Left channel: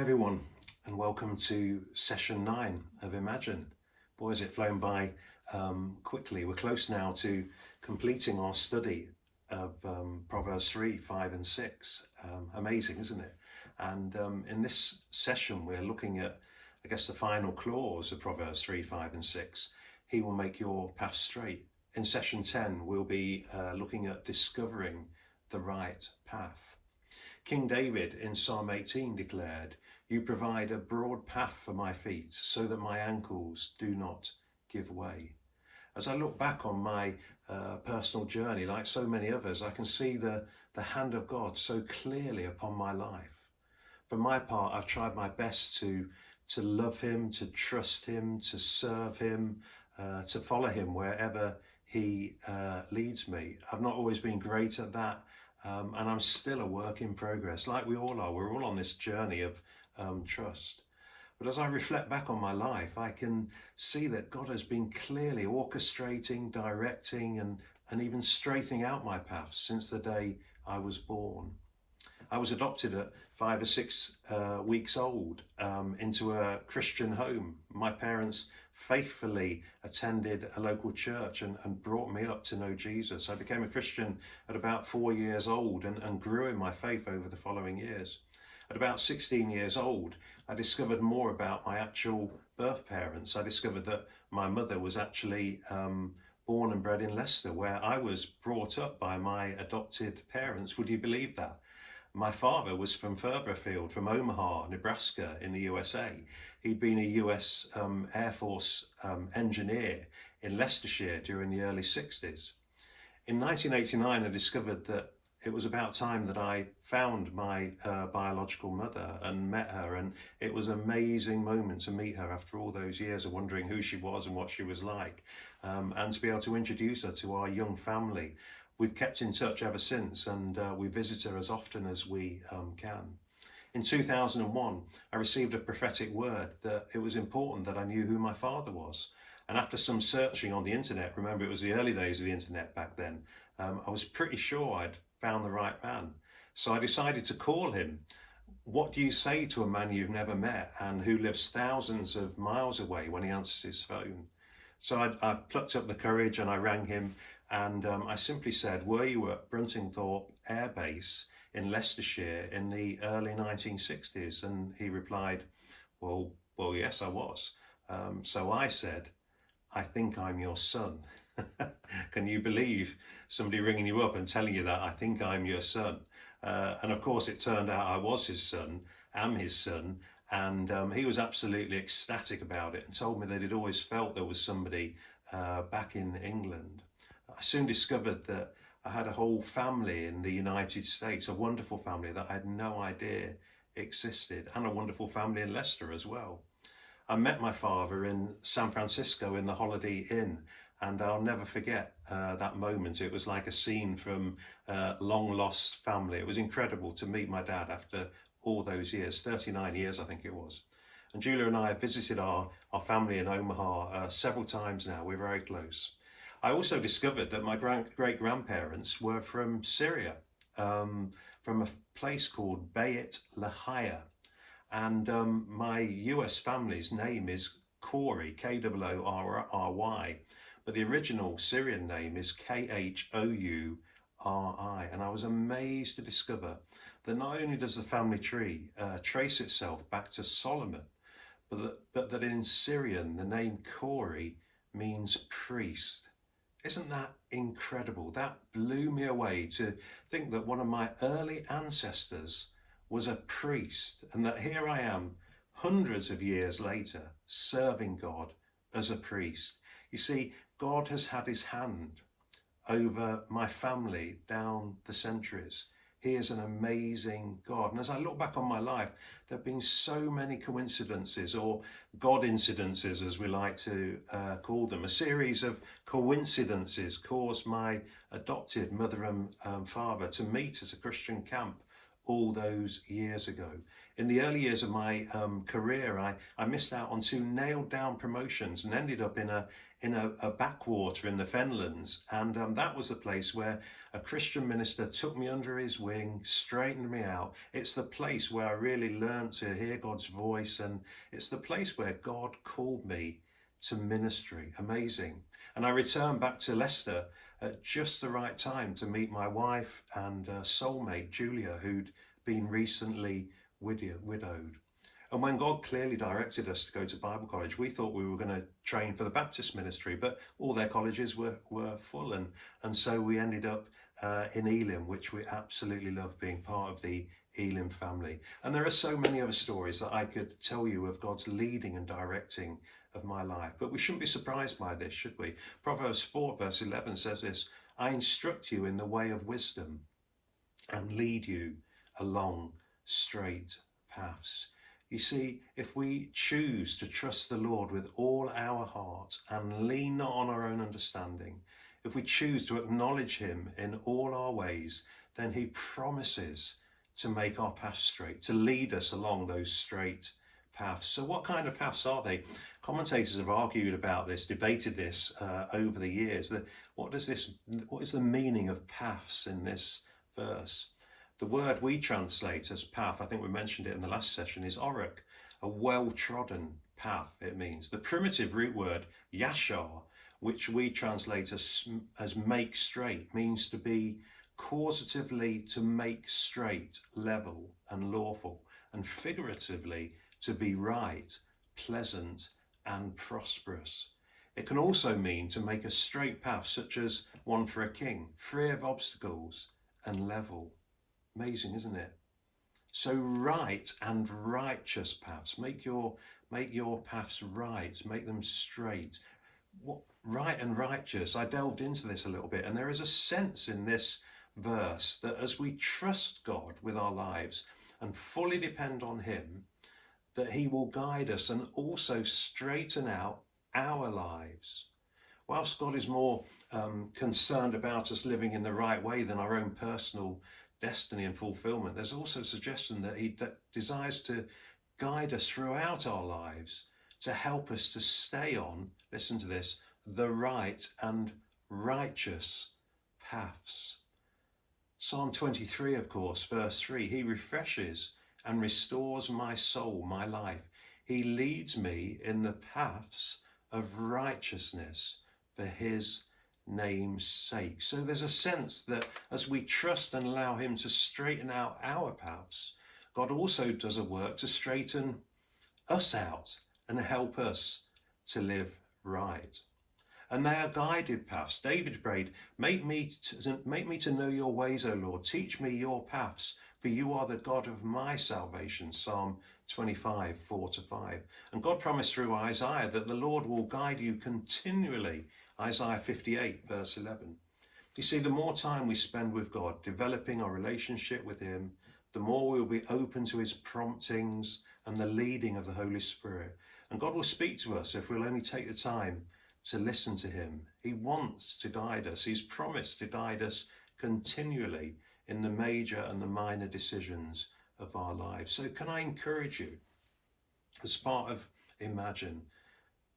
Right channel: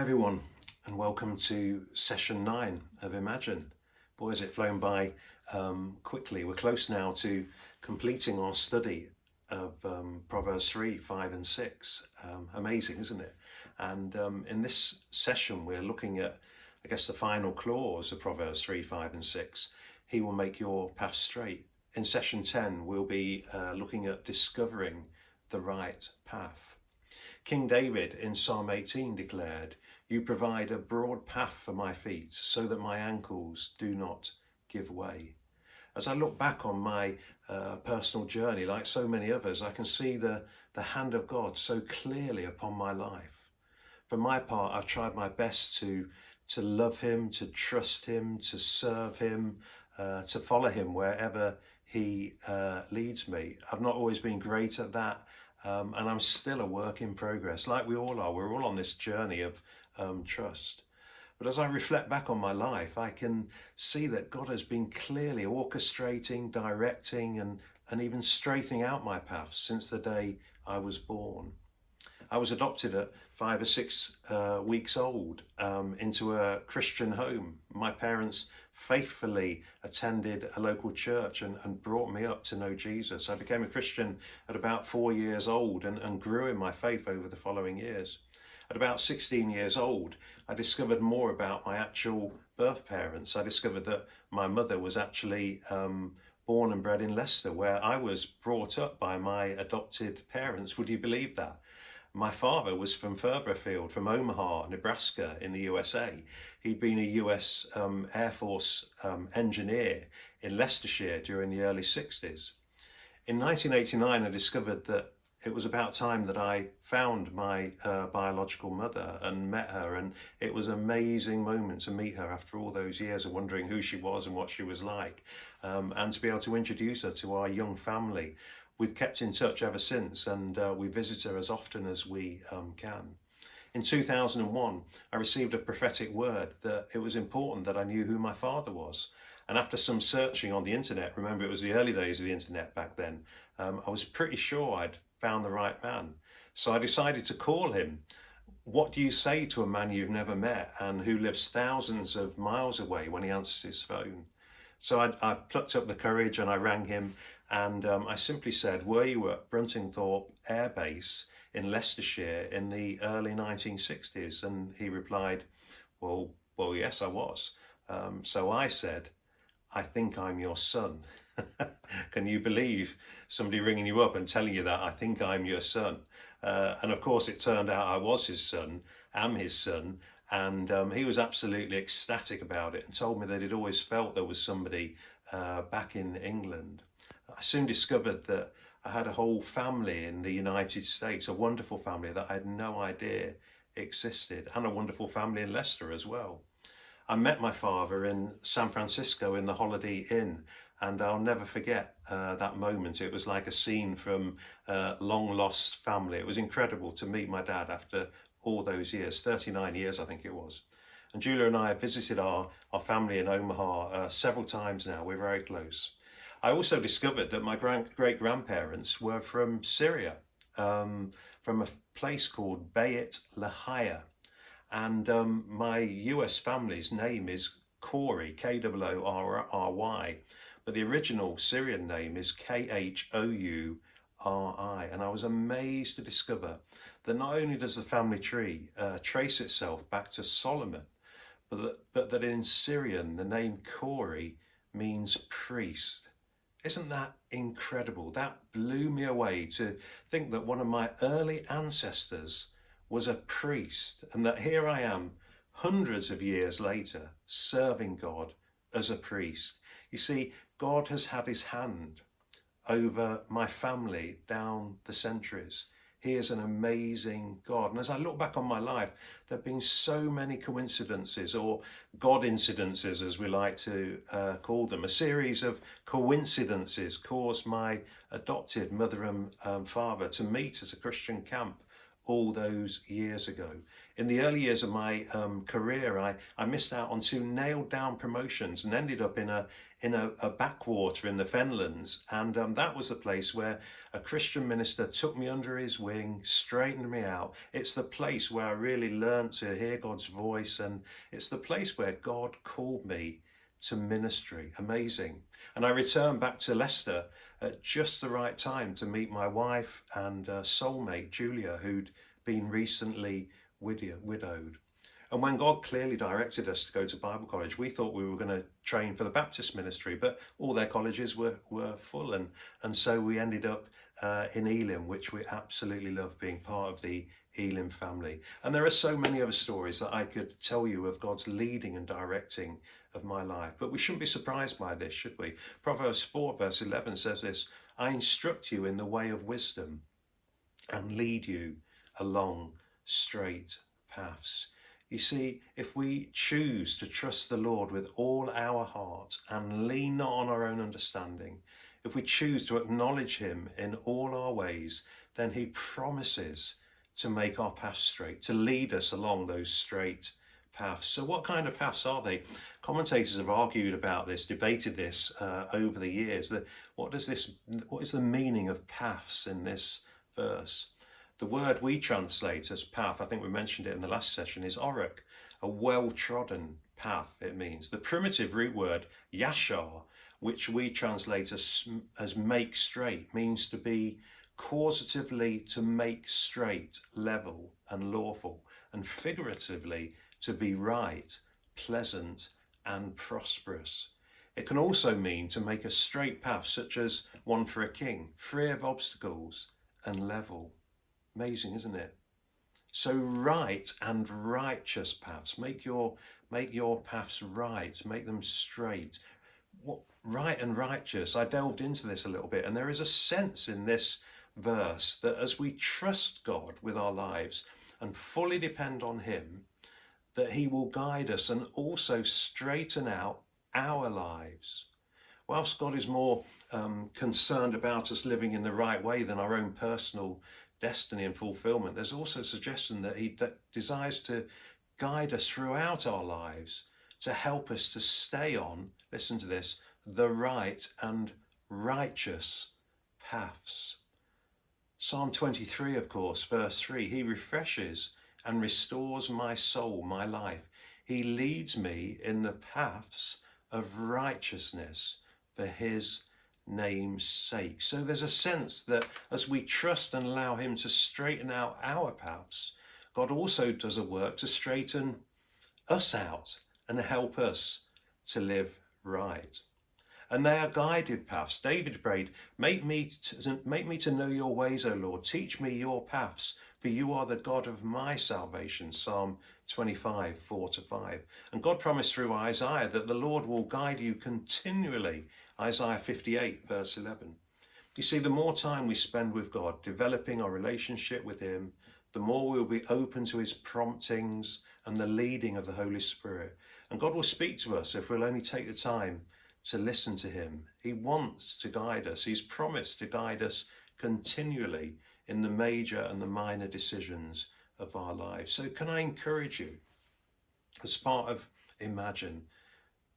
Hi everyone, and welcome to session 9 of Imagine. Boy, has it flown by quickly. We're close now to completing our study of Proverbs 3, 5 and 6. Amazing, isn't it? And in this session we're looking at, I guess, the final clause of Proverbs 3, 5 and 6. He will make your path straight. In session 10 we'll be looking at discovering the right path. King David in Psalm 18 declared, "You provide a broad path for my feet so that my ankles do not give way." As I look back on my personal journey, like so many others, I can see the hand of God so clearly upon my life. For my part, I've tried my best to love him, to trust him, to serve him, to follow him wherever he leads me. I've not always been great at that. And I'm still a work in progress, like we all are. We're all on this journey of trust. But as I reflect back on my life, I can see that God has been clearly orchestrating, directing, and even straightening out my path since the day I was born. I was adopted at 5 or 6 weeks old into a Christian home. My parents faithfully attended a local church and brought me up to know Jesus. I became a Christian at about 4 years old and grew in my faith over the following years. At about 16 years old, I discovered more about my actual birth parents. I discovered that my mother was actually born and bred in Leicester, where I was brought up by my adopted parents. Would you believe that? My father was from further afield, from Omaha, Nebraska in the USA. He'd been a US Air Force engineer in Leicestershire during the early 60s. In 1989, I discovered that it was about time that I found my biological mother and met her, and it was an amazing moment to meet her after all those years of wondering who she was and what she was like, and to be able to introduce her to our young family. We've kept in touch ever since, and we visit her as often as we can. In 2001, I received a prophetic word that it was important that I knew who my father was. And after some searching on the internet, remember it was the early days of the internet back then, I was pretty sure I'd found the right man. So I decided to call him. What do you say to a man you've never met and who lives thousands of miles away when he answers his phone? So I plucked up the courage and I rang him. And I simply said, "Were you at Bruntingthorpe Air Base in Leicestershire in the early 1960s? And he replied, well, yes, I was. So I said, "I think I'm your son." Can you believe somebody ringing you up and telling you that? I think I'm your son. And of course, it turned out I was his son, am his son. And he was absolutely ecstatic about it and told me that he'd always felt there was somebody back in England. I soon discovered that I had a whole family in the United States, a wonderful family that I had no idea existed, and a wonderful family in Leicester as well. I met my father in San Francisco in the Holiday Inn, and I'll never forget that moment. It was like a scene from Long Lost Family. It was incredible to meet my dad after all those years, 39 years I think it was. And Julia and I have visited our family in Omaha several times now. We're very close. I also discovered that my great-grandparents were from Syria, from a place called Beit Lahia. And my US family's name is Khouri, K-O-O-R-Y, but the original Syrian name is Khouri. And I was amazed to discover that not only does the family tree trace itself back to Solomon, but that in Syrian, the name Khouri means priest. Isn't that incredible? That blew me away to think that one of my early ancestors was a priest, and that here I am, hundreds of years later, serving God as a priest. You see, God has had his hand over my family down the centuries. He is an amazing God. And as I look back on my life, there have been so many coincidences, or God incidences as we like to call them. A series of coincidences caused my adopted mother and father to meet at a Christian camp all those years ago. In the early years of my career, I missed out on 2 nailed down promotions and ended up in a backwater in the Fenlands. And that was the place where a Christian minister took me under his wing, straightened me out. It's the place where I really learned to hear God's voice. And it's the place where God called me to ministry. Amazing. And I returned back to Leicester at just the right time to meet my wife and soulmate, Julia, who'd been recently widowed. And when God clearly directed us to go to Bible college, we thought we were going to train for the Baptist ministry, but all their colleges were full. And so we ended up in Elim, which we absolutely love, being part of the Elim family. And there are so many other stories that I could tell you of God's leading and directing of my life. But we shouldn't be surprised by this, should we? Proverbs 4 verse 11 says this: I instruct you in the way of wisdom and lead you along straight paths. You see, if we choose to trust the Lord with all our heart and lean not on our own understanding, if we choose to acknowledge him in all our ways, then he promises to make our paths straight, to lead us along those straight paths. So what kind of paths are they? Commentators have argued about this, debated this over the years. What is the meaning of paths in this verse? The word we translate as path, I think we mentioned it in the last session, is orach, a well-trodden path, it means. The primitive root word yashar, which we translate as make straight, means to be causatively to make straight, level and lawful, and figuratively to be right, pleasant and prosperous. It can also mean to make a straight path, such as one for a king, free of obstacles and level. Amazing, isn't it? So right and righteous paths, make your paths right, make them straight. What right and righteous? I delved into this a little bit, and there is a sense in this verse that as we trust God with our lives and fully depend on him, that he will guide us and also straighten out our lives. Whilst God is more concerned about us living in the right way than our own personal destiny and fulfillment, there's also a suggestion that he desires to guide us throughout our lives to help us to stay on, listen to this, the right and righteous paths. Psalm 23, of course, verse 3, he refreshes and restores my soul, my life. He leads me in the paths of righteousness for his name's sake. So there's a sense that as we trust and allow him to straighten out our paths, God also does a work to straighten us out and help us to live right. And they are guided paths. David prayed, make me to know your ways, O Lord. Teach me your paths, for you are the God of my salvation. Psalm 25, 4-5. And God promised through Isaiah that the Lord will guide you continually. Isaiah 58, verse 11. You see, the more time we spend with God, developing our relationship with him, the more we'll be open to his promptings and the leading of the Holy Spirit. And God will speak to us if we'll only take the time to listen to him. He wants to guide us. He's promised to guide us continually in the major and the minor decisions of our lives. So can I encourage you, as part of Imagine,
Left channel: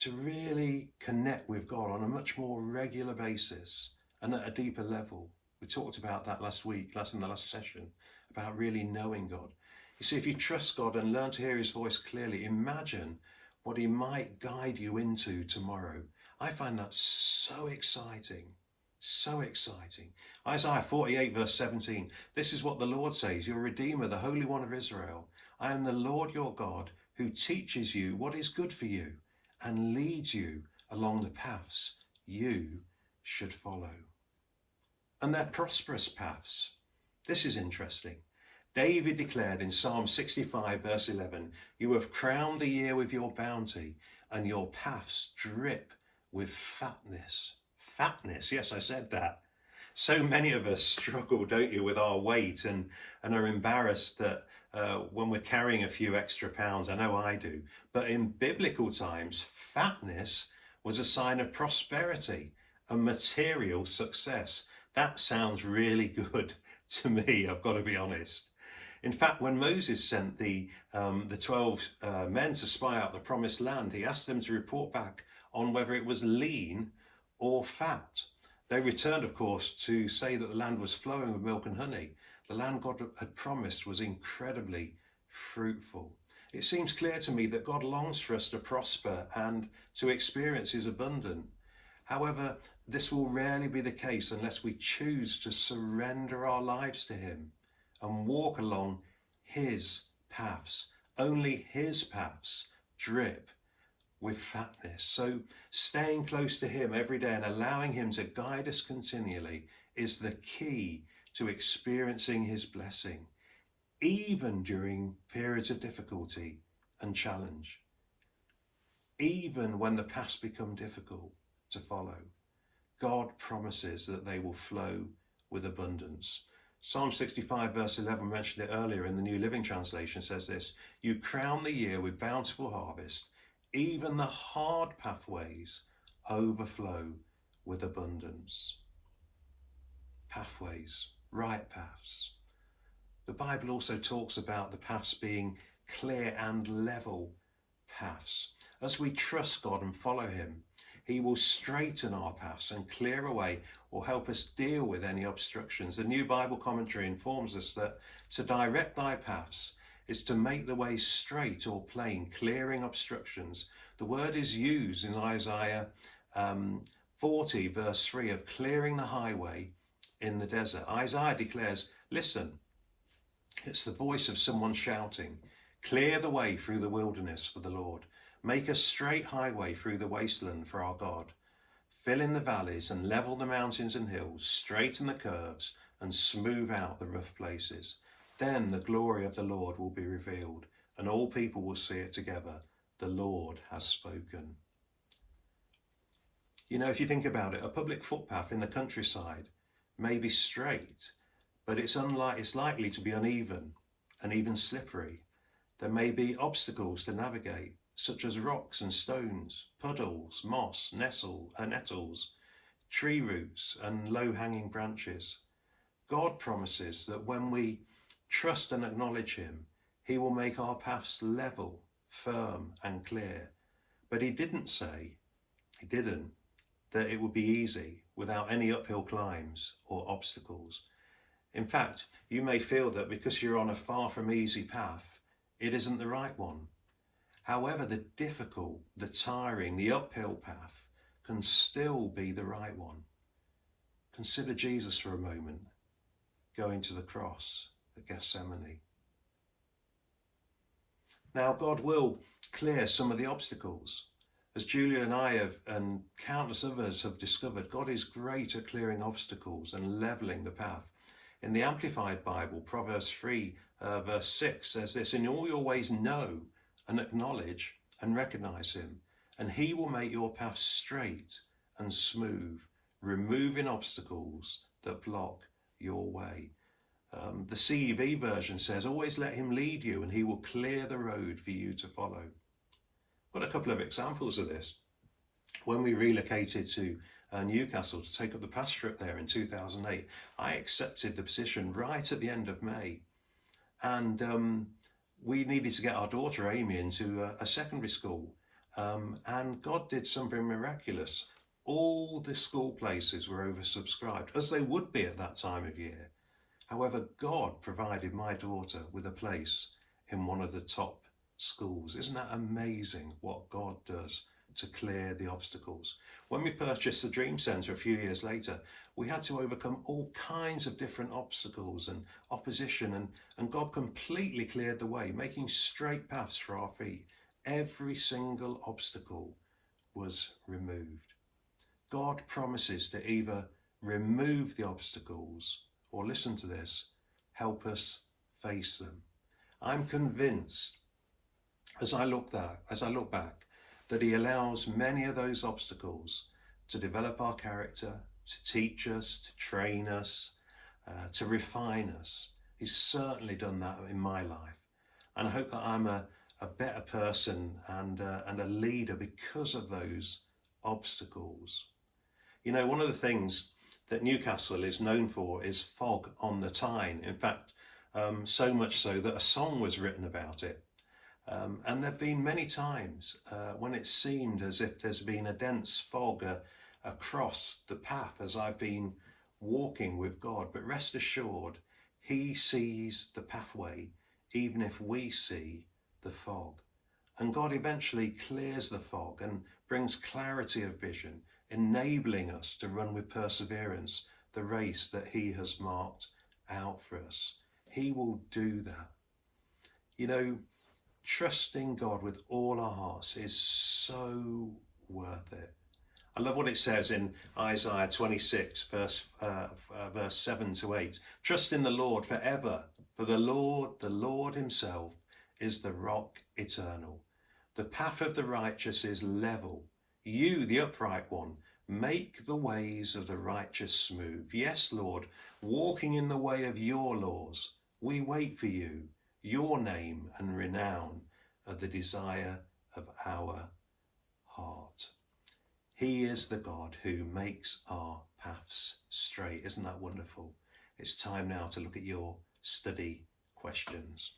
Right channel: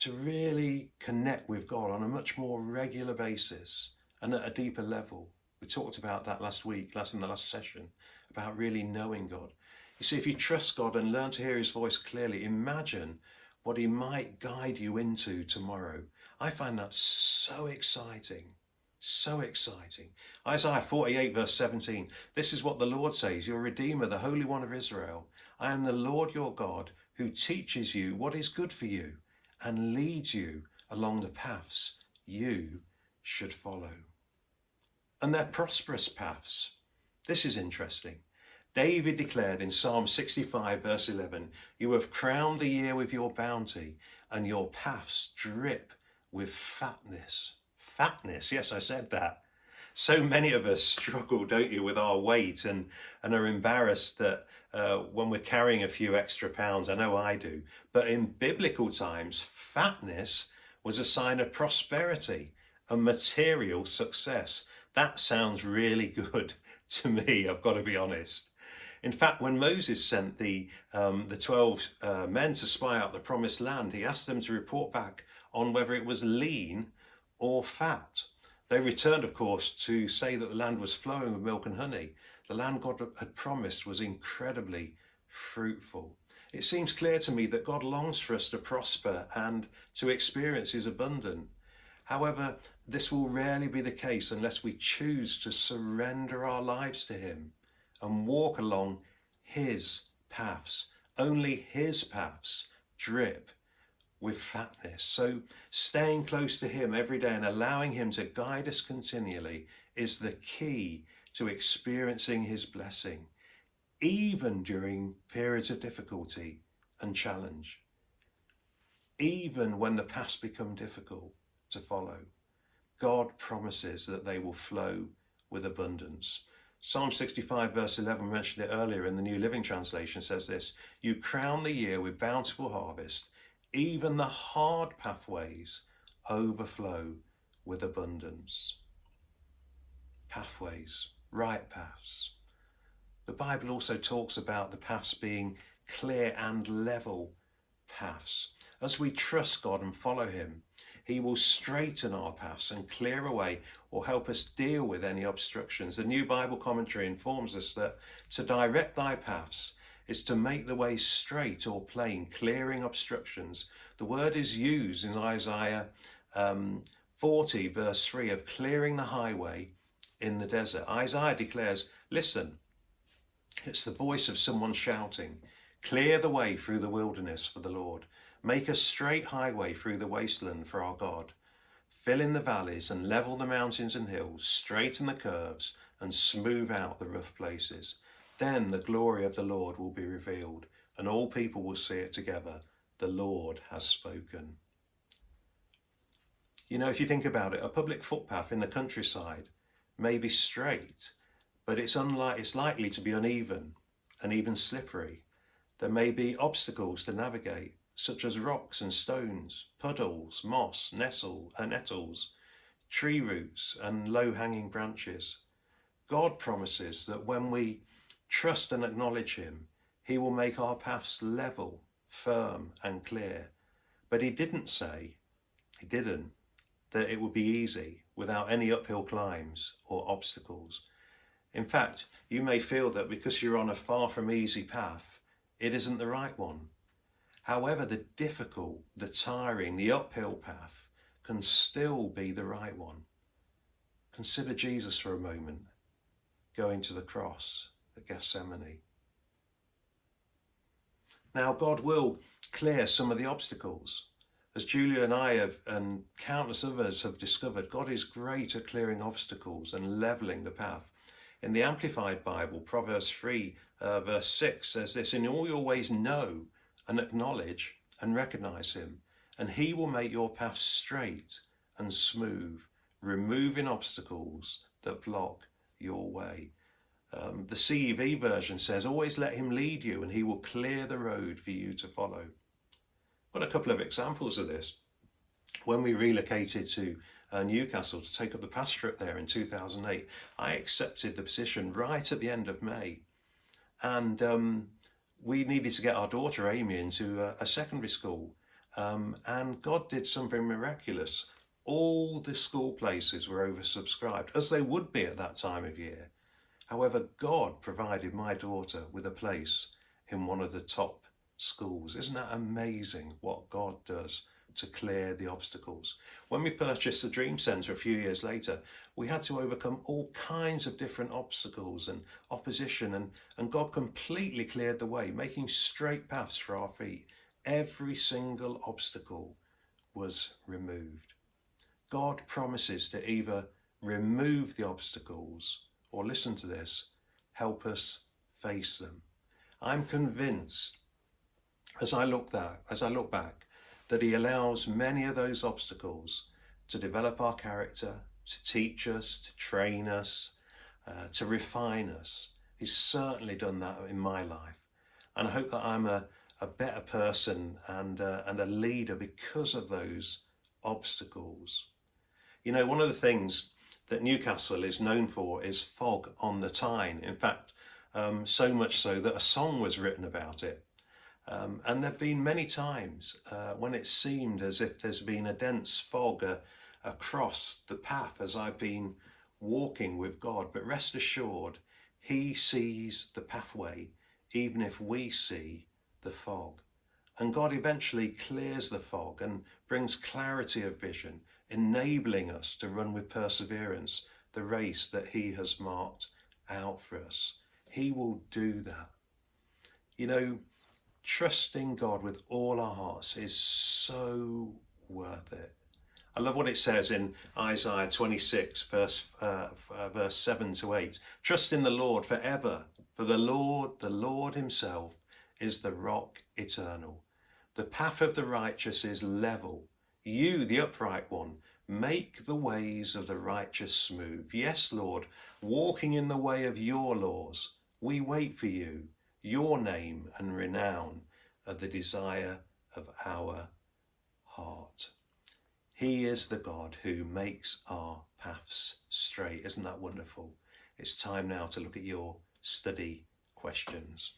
to really connect with God on a much more regular basis and at a deeper level? We talked about that in the last session, about really knowing God. You see, if you trust God and learn to hear his voice clearly, imagine what he might guide you into tomorrow. I find that so exciting, so exciting. Isaiah 48 verse 17, this is what the Lord says, your Redeemer, the Holy One of Israel. I am the Lord your God who teaches you what is good for you and leads you along the paths you should follow. And they're prosperous paths. This is interesting. David declared in Psalm 65 verse 11, you have crowned the year with your bounty and your paths drip with fatness. Fatness, yes, I said that. So many of us struggle, don't you, with our weight and are embarrassed that when we're carrying a few extra pounds. I know I do. But in biblical times, fatness was a sign of prosperity and material success. That sounds really good to me, I've got to be honest. In fact, when Moses sent the 12 men to spy out the promised land, he asked them to report back on whether it was lean or fat. They returned, of course, to say that the land was flowing with milk and honey. The land God had promised was incredibly fruitful. It seems clear to me that God longs for us to prosper and to experience his abundance. However, this will rarely be the case unless we choose to surrender our lives to him and walk along his paths. Only his paths drip with fatness. So staying close to him every day and allowing him to guide us continually is the key to experiencing his blessing, even during periods of difficulty and challenge. Even when the paths become difficult to follow, God promises that they will flow with abundance. Psalm 65 verse 11, mentioned it earlier in the New Living Translation, says this: "You crown the year with bountiful harvest, even the hard pathways overflow with abundance." Pathways, right paths. The Bible also talks about the paths being clear and level paths. As we trust God and follow him, he will straighten our paths and clear away or help us deal with any obstructions. The New Bible Commentary informs us that to direct thy paths is to make the way straight or plain, clearing obstructions. The word is used in Isaiah 40 verse 3 of clearing the highway in the desert. Isaiah declares, listen, it's the voice of someone shouting, "Clear the way through the wilderness for the Lord. Make a straight highway through the wasteland for our God. Fill in the valleys and level the mountains and hills, straighten the curves and smooth out the rough places. Then the glory of the Lord will be revealed and all people will see it together. The Lord has spoken." You know, if you think about it, a public footpath in the countryside may be straight, but it's likely to be uneven and even slippery. There may be obstacles to navigate, such as rocks and stones, puddles, moss, nettles, tree roots and low-hanging branches. God promises that when we trust and acknowledge him, he will make our paths level, firm and clear. But he didn't that it would be easy without any uphill climbs or obstacles. In fact, you may feel that because you're on a far from easy path, it isn't the right one. However, the difficult, the tiring, the uphill path can still be the right one. Consider Jesus for a moment, going to the cross at Gethsemane. Now, God will clear some of the obstacles. As Julia and I and countless others have discovered, God is great at clearing obstacles and levelling the path. In the Amplified Bible, Proverbs 3 verse 6 says this: "In all your ways know and acknowledge and recognise him, and he will make your path straight and smooth, removing obstacles that block your way." The CEV version says, "Always let him lead you and he will clear the road for you to follow." Got a couple of examples of this. When we relocated to Newcastle to take up the pastorate there in 2008, I accepted the position right at the end of May. And we needed to get our daughter Amy into a secondary school. And God did something miraculous. All the school places were oversubscribed, as they would be at that time of year. However, God provided my daughter with a place in one of the top schools. Isn't that amazing what God does to clear the obstacles? When we purchased the Dream Centre a few years later, we had to overcome all kinds of different obstacles and opposition, and God completely cleared the way, making straight paths for our feet. Every single obstacle was removed. God promises to either remove the obstacles or, listen to this, help us face them. I'm convinced as I look back that he allows many of those obstacles to develop our character, to teach us, to train us, to refine us. He's certainly done that in my life. And I hope that I'm a better person and a leader because of those obstacles. You know, one of the things that Newcastle is known for is fog on the Tyne. In fact, so much so that a song was written about it. And there have been many times when it seemed as if there's been a dense fog across the path as I've been walking with God. But rest assured, he sees the pathway, even if we see the fog. And God eventually clears the fog and brings clarity of vision, enabling us to run with perseverance the race that he has marked out for us. He will do that. You know, trusting God with all our hearts is so worth it. I love what it says in Isaiah 26, verse 7 to 8. Trust in the Lord forever, for the Lord himself is the rock eternal. The path of the righteous is level. You, the upright one, make the ways of the righteous smooth. Yes, Lord, walking in the way of your laws, we wait for you. Your name and renown are the desire of our heart. He is the God who makes our paths straight. Isn't that wonderful? It's time now to look at your study questions.